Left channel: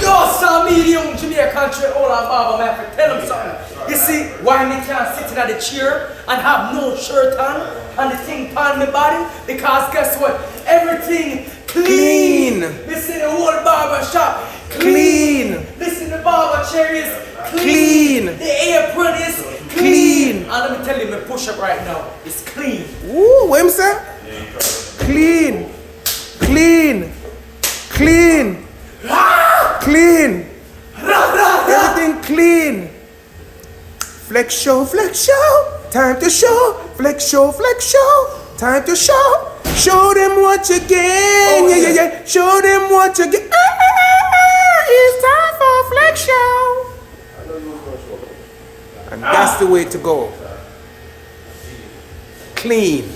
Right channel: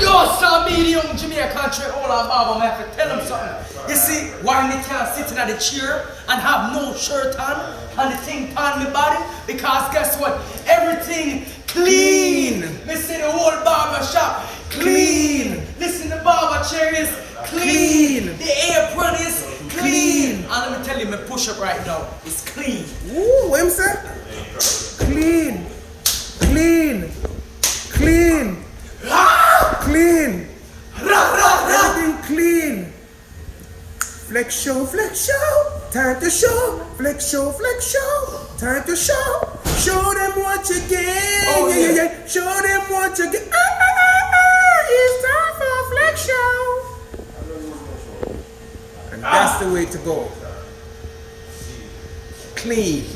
Yo, saw me, the young Jamaican trade all our barber, man, I have to tell him something. You see, why me can't sit in the chair and have no shirt on and the thing on my body? Because guess what? Everything clean. Me say the whole barber shop clean. Listen, the barber chair is clean. The apron is clean. And let me tell you, my push-up right now is clean. Ooh, what him say? Clean. Clean. Clean. Clean. Everything clean. Flex show, time to show. Flex show, time to show. Show them what you get. Oh, yeah. Show them what you get. It's time for flex show. And that's the way to go. Clean.